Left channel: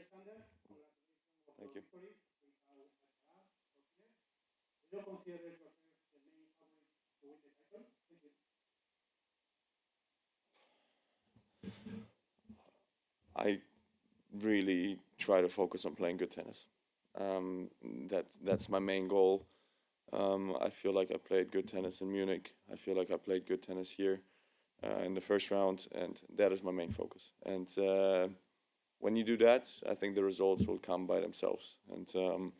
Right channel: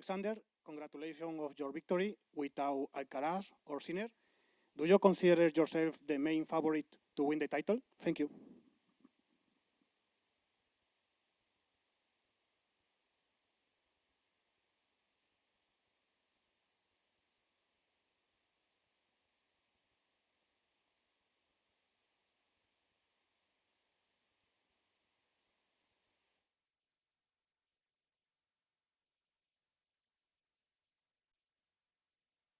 Alexander, congratulations of your victory without Alcaraz or Sinner. Do you consider yourself the main favorite to win the title? Thank you. I really try to focus on playing good tennis. That's my main goal. I feel like I played good tennis in Munich. I feel like I played good tennis here in the first round, and that is my main focus. And when you do that, I think the results will come by themselves. And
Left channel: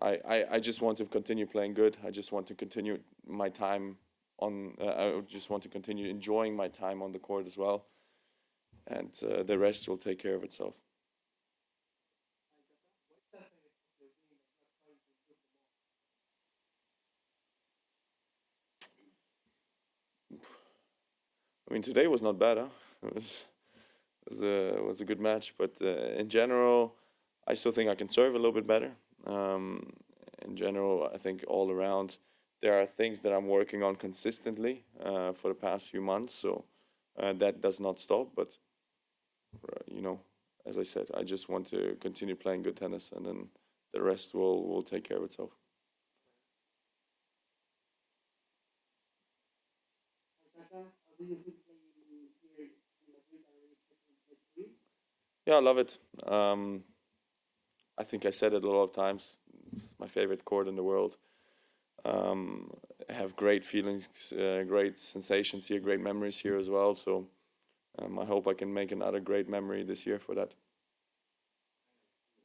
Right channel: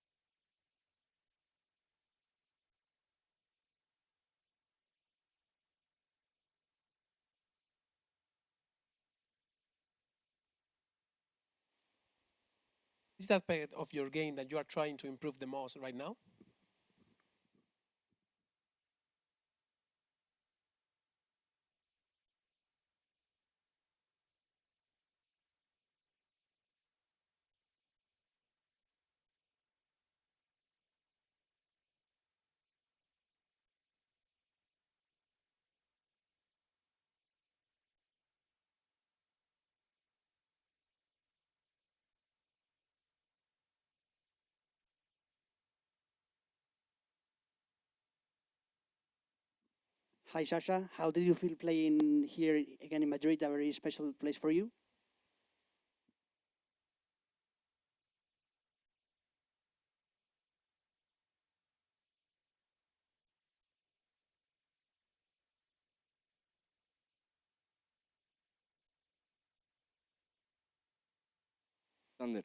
I just want to continue playing good. I just want to continue my time on. I just want to continue enjoying my time on the court as well. And the rest will take care of itself. What is the aspect of your game that you are trying to improve the most right now? I mean, today was not bad, huh? It was a good match, but in general, I still think I can serve a little bit better. In general, I think all around, there are things that I'm working on consistently for the past few months, so that does not stop, but you know, as I said, I just want to continue playing good tennis, and then the rest will take care of itself. Hi, Sasha. How did you feel playing here again in Madrid, a very special place for you? Yeah, I love it. I think I said it a lot of times. It's my favorite court in the world. I have great feelings, great sensations here, great memories here as well. So I hope I can make another great memory this year for that. Alexander,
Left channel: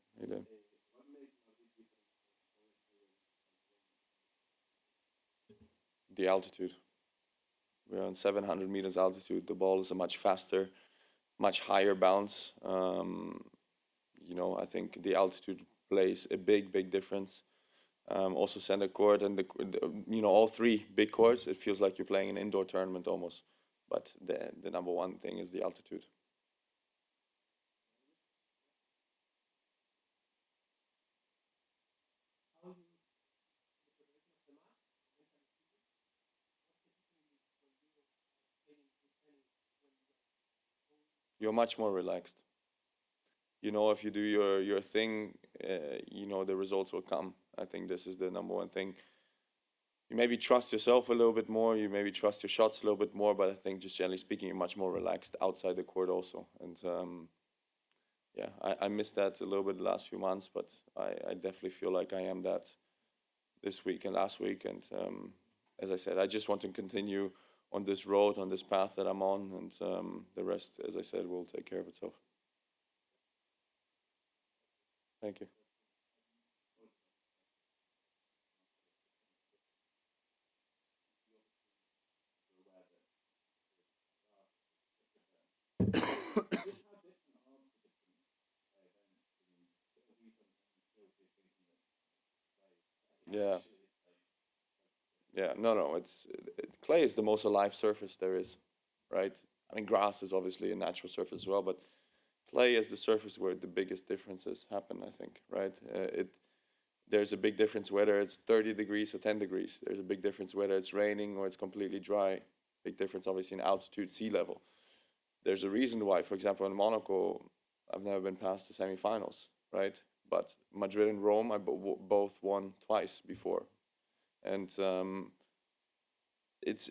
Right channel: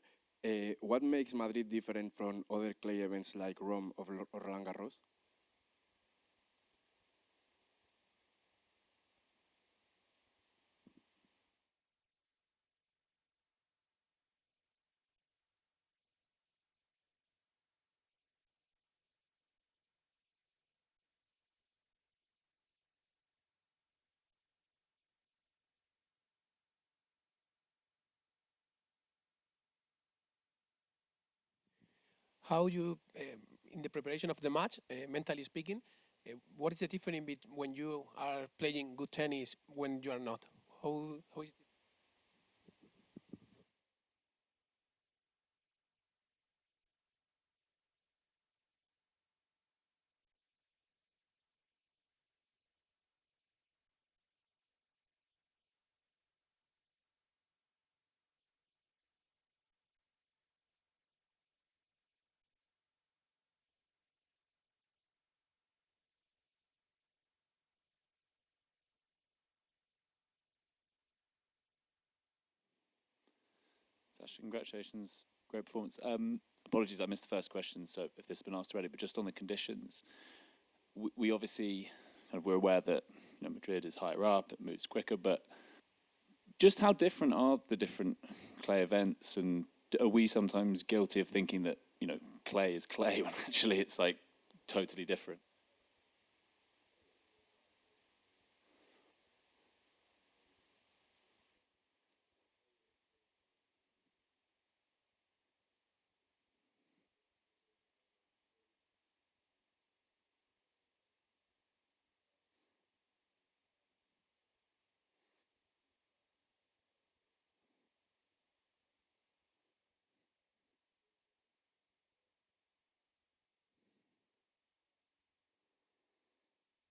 what makes Madrid different from other clay events like Rome or Roland Garros? The altitude. We're on 700 meters altitude. The ball is a much faster, much higher bounce. You know, I think the altitude plays a big difference. Also center court and you know, all three big courts, it feels like you're playing an indoor tournament almost. But the number one thing is the altitude. How you, in the preparation of the match, mentally speaking, what is the difference when you are playing good tennis when you are not? You're much more relaxed. You know, if you do your thing, you know, the results will come. I think this is the number one thing. You maybe trust yourself a little bit more, you maybe trust your shots a little bit more, but I think just generally speaking, you're much more relaxed outside the court also. And yeah, I missed that a little bit the last few months, but I definitely feel like I am that this week and last week. And as I said, I just want to continue on this road, on this path that I'm on, and the rest, as I said, will take care of itself. Sasha, congratulations. Thank you. Great performance. Apologies, I missed the first question, so if this has been asked already, but just on the conditions, we obviously we're aware that Madrid is higher up, it moves quicker, but just how different are the different clay events, and are we sometimes guilty of thinking that clay is clay when actually it's like totally different? Yeah, no, clay is the most alive surface there is, right? I mean, grass is obviously a natural surface as well, but clay is the surface where the biggest differences happen, I think, right? There's a big difference whether it's 30 degrees or 10 degrees. There's a big difference whether it's raining or it's completely dry. Big difference, obviously, in altitude, sea level. There's a reason why, for example, in Monaco, I've never been past the semifinals, right? But Madrid and Rome, I both won twice before. And it's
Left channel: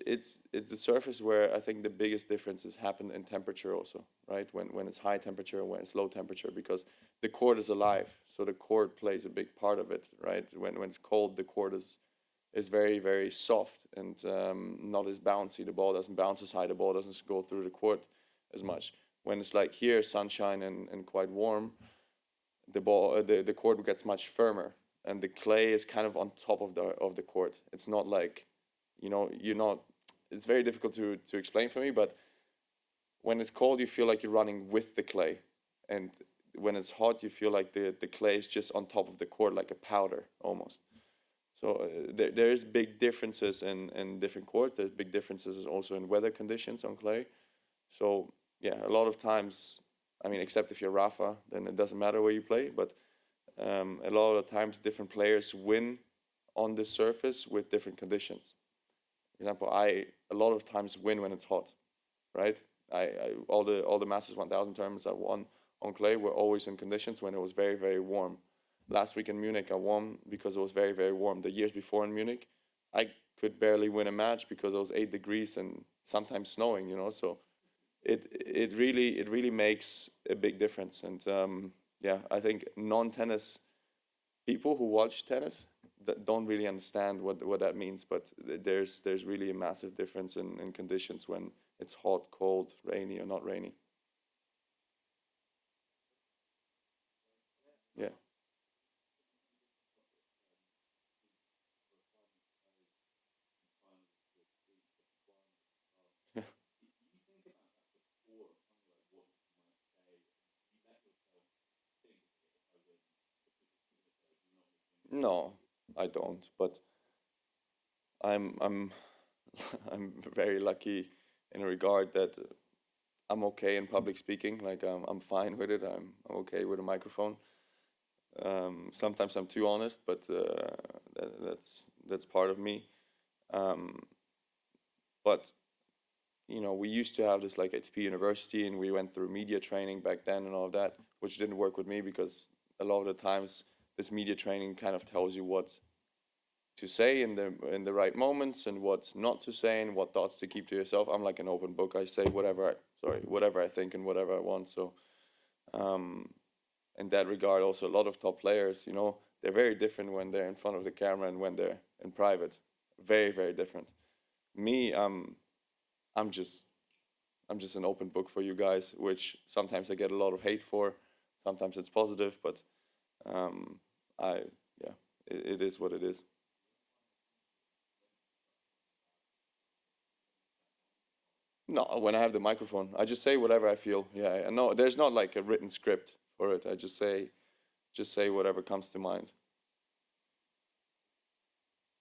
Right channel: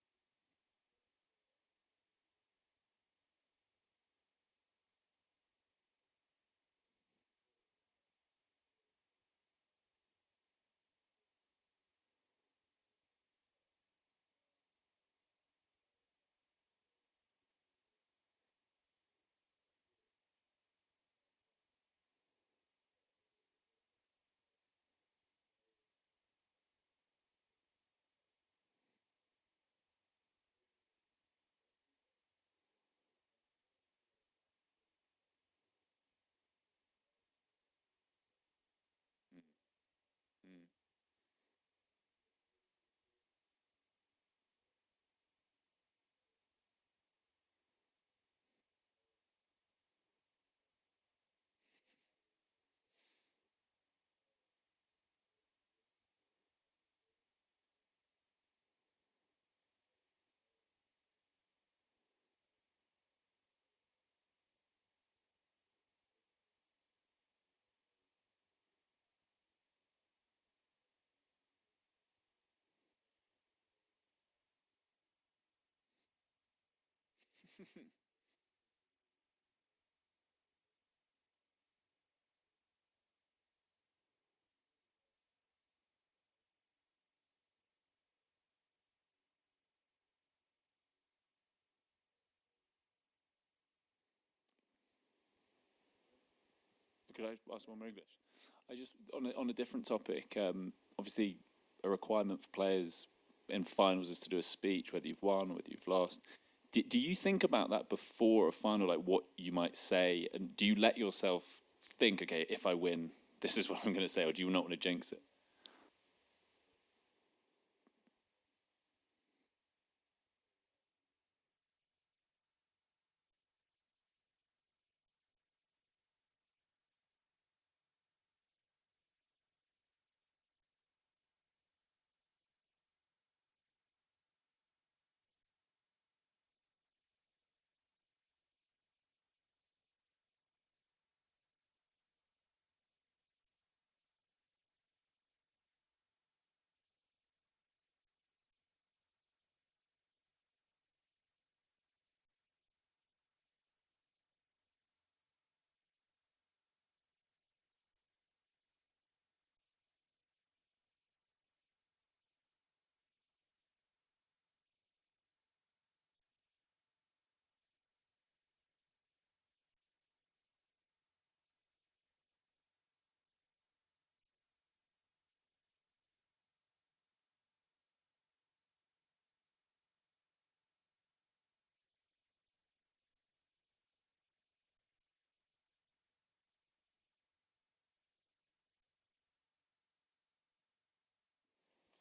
the surface where I think the biggest differences happen in temperature also, right? When it's high temperature, when it's low temperature, because the court is alive, so the court plays a big part of it, right? When it's cold, the court is very, very soft and not as bouncy. The ball doesn't bounce as high. The ball doesn't go through the court as much. When it's like here, sunshine and quite warm, the court gets much firmer, and the clay is kind of on top of the court. It's not like, you're not. It's very difficult to explain for me, but when it's cold, you feel like you're running with the clay, and when it's hot, you feel like the clay is just on top of the court, like a powder almost. So there is big differences in different courts. There's big differences also in weather conditions on clay. So yeah, a lot of times, I mean, except if you're Rafa, then it doesn't matter where you play. But a lot of times, different players win on this surface with different conditions. For example, I a lot of times win when it's hot, right? All the Masters 1000 tournaments I won on clay were always in conditions when it was very, very warm. Last week in Munich, I won because it was very, very warm. The years before in Munich, I could barely win a match because it was 8 degrees and sometimes snowing, you know. So it really makes a big difference. And yeah, I think non-tennis people who watch tennis that don't really understand what that means. But there's really a massive difference in conditions when it's hot, cold, rainy, or not rainy. Could I ask one more? Yeah. I just on a different topic. Obviously, a requirement for players in finals is to do a speech, whether you've won or whether you've lost. Yeah. Do you think about that before a final, like what you might say, and do you let yourself think, okay, if I win, this is what I'm going to say, or do you not want to jinx it? No, I don't. But I'm I'm very lucky in a regard that I'm okay in public speaking. Like I'm fine with it. I'm okay with a microphone. Sometimes I'm too honest, but that's part of me. But you know, we used to have this like ATP University, and we went through media training back then and all of that, which didn't work with me because a lot of the times this media training kind of tells you what to say in the right moments and what not to say and what thoughts to keep to yourself. I'm like an open book. I say whatever I think and whatever I want. So in that regard, also a lot of top players, you know, they're very different when they're in front of the camera and when they're in private. Very, very different. Me, I'm just an open book for you guys, which sometimes I get a lot of hate for. Sometimes it's positive, but it is what it is. No, when I have the microphone, I just say whatever I feel. Yeah, no, there's not like a written script for it. I just say whatever comes to mind.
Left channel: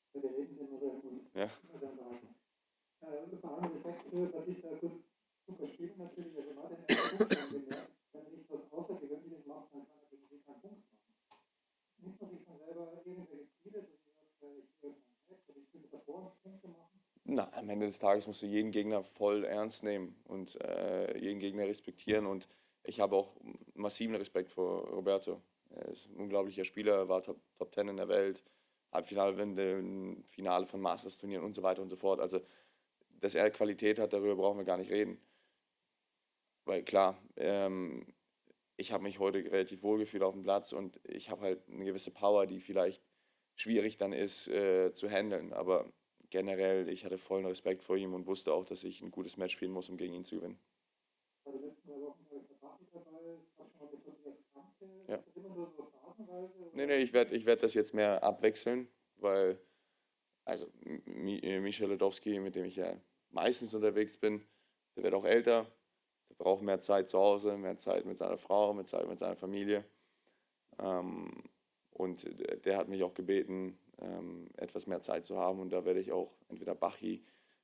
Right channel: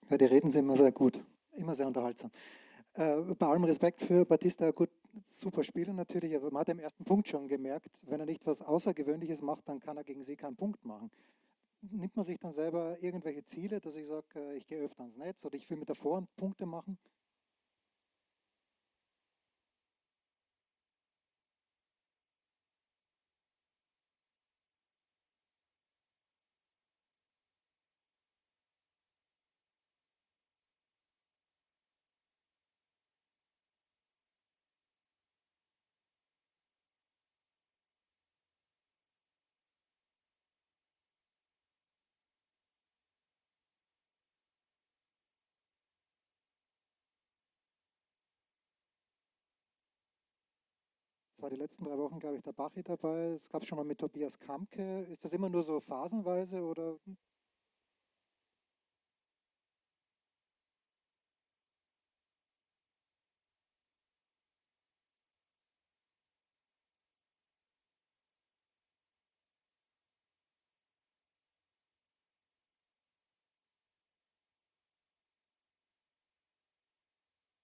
Ja, die Reden sind immer sehr gut, Ja. immer sehr unterhaltsam. Bei allem Respekt für Batista, gut, super Spieler natürlich, aber man hat im ersten Punkt schon gemerkt, wenn er nicht was Außergewöhnliches macht, dann kann er gegen sie keinen Punkt machen. Nimmt man sich dann selber irgendwelche Ziele, dass ich sage, ich gehe öfter ans Netz oder ich will mit der Vorhand Punkte machen? Na, am Ende des Tages musst du jeden Gegner voll ernst nehmen und jeden Gegner respektieren. Und ich habe auch massiven Respekt vor Roberto. Er ist ein unglaublicher Spieler, war Top 10 in der Welt, Halbfinale, Finale von Masters-Turnieren und so weiter und so fort. Also, dass er Qualität hat, darüber brauchen wir gar nicht reden. Weil klar, ich habe mich heute relativ wohl gefühlt auf dem Platz und ich habe halt eine gewisse Power, die vielleicht schwierig dann ist zu handeln. Aber generell, ich hatte vollen Respekt vor ihm und wusste auch, dass ich ein gutes Match spielen muss, um gegen ihn zu gewinnen. Es war die letzten 3 Wochen, glaube ich, der Bachi dabei. Es gab schon mal mit Tobias Kampke. Ja. Ist das immer nur so phasenweise? Oder? Nee, ich werd das jetzt mehr abwechseln, weil also Michel Ledowski, mit dem ich ja meistens unterwegs bin, der wird auch älter, der braucht mehr Zeit zu Hause, mehr Zeit mit seiner Frau, mehr Zeit mit seiner Familie. Und der hat mich auch gebeten, etwas mehr Zeit zu haben. Und da werde ich auch entweder Bachi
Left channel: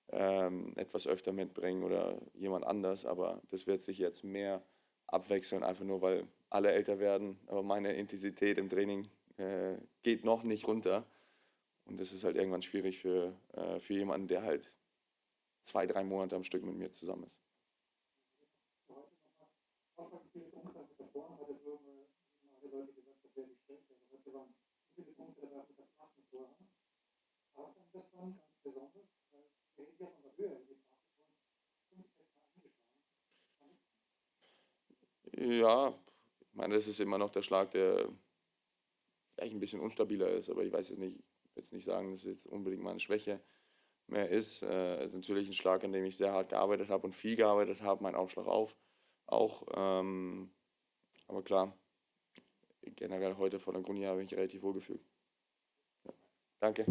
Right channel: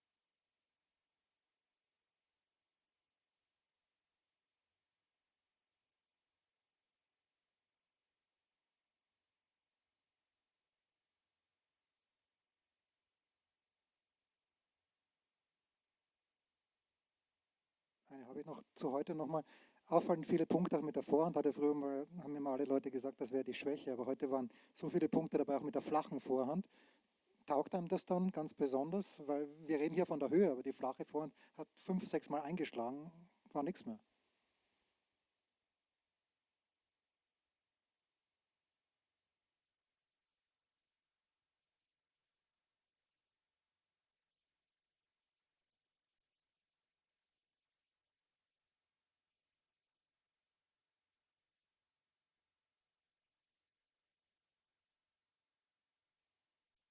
etwas öfter mitbringen oder jemand anders. Aber das wird sich jetzt mehr abwechseln, einfach nur, weil alle älter werden. Aber meine Intensität im Training geht noch nicht runter. Und das ist halt irgendwann schwierig für jemanden, der halt 2-3 Monate am Stück mit mir zusammen ist. Eine habe ich noch zu heute nochmal. Auffallend viele Punkte auch mit der Vorhand. Früher mal, haben mir mal alle Leute gesagt, das wäre die Schwäche. Aber heute waren so viele Punkte dabei, auch mit der flachen Vorhand. Taugt einem das dann ganz besonders? Weil wir reden hier von der Höhe, aber die flache Vorhand hat 5-6 Mal eingeschlagen, war nichts mehr. Ja, ich meine, das ist immer noch der Schlag, der vielleicht ein bisschen unstabiler ist, aber ich weiß jetzt nicht, ich will jetzt nicht sagen, dass es jetzt unbedingt meine Schwäche mehr ist. Es ist natürlich ein Schlag, an dem ich sehr hart gearbeitet habe und viel gearbeitet habe, mein Aufschlag auch. Aber klar, generell heute vor der Grundlinie habe ich mich relativ wohl gefühlt. Ja. Danke.